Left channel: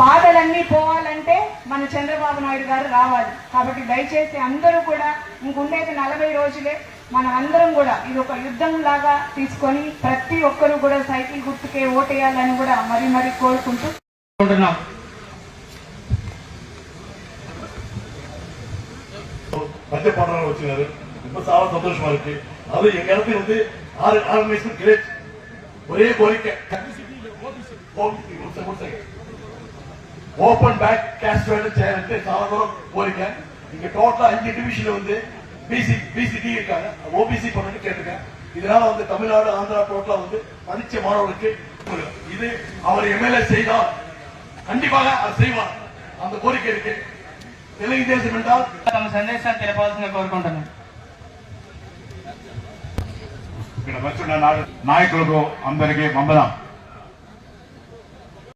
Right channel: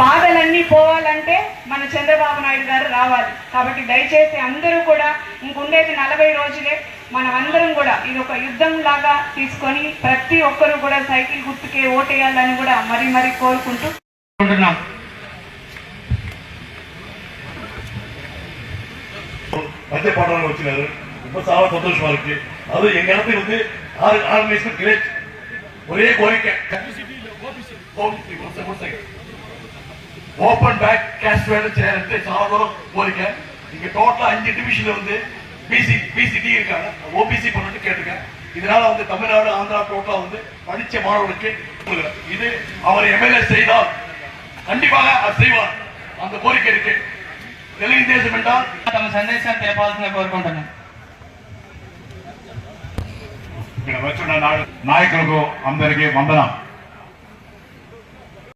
బాధలన్నీ పోవాలంటే మన చంద్రబాబు నాయుడు గారు రావాలి. కాబట్టి దయచేసి అందరూ కూడా ఇంకుండేది 40 రోజులే, మనం అందరం కూడా ఇది ఒక యుద్ధం లాగా తీసుకొని ప్రతి ఒక్కరూ కూడా సైకిల్ గుర్తుకే ఓటేయాలని కూడా మరీ కోరుకుంటూ பச்சைப்பாடலாம் வச்சுக்காரு. இப்போ சால சந்தோஷமா இருக்கு. அது எங்க இடத்துல வந்து ஆர்கனைசேஷன் கிரேட் ஒரே கோரிக்கை ஓபன் பேக் கேஷ் வேணும் சேரத்து చాలా దూరం కోరిక. இங்க டோட்டலா 5 டிவிஷன்ல வந்து பிசிடி இருக்காங்க, ஓபிசி பண்ணிட்டு கேட்டுக்க. இதனால வந்து தமிழ்நாடு ஆந்திரா டோட்டலா வந்து படிச்ச மாணவர்களுக்கு இது அவர் எம்எல்ஏ செய்தால் கண்டிப்பாக அது செய்வார். அந்த கோரிக்கை இருக்கு. తెలుగుదేశం என்றால் తమ సందేశాన్ని తెలపాల్సిన కోరుకుంటున్నాం. ఇక్కడ వచ్చిన నాయకులకు అందరికీ వందనం.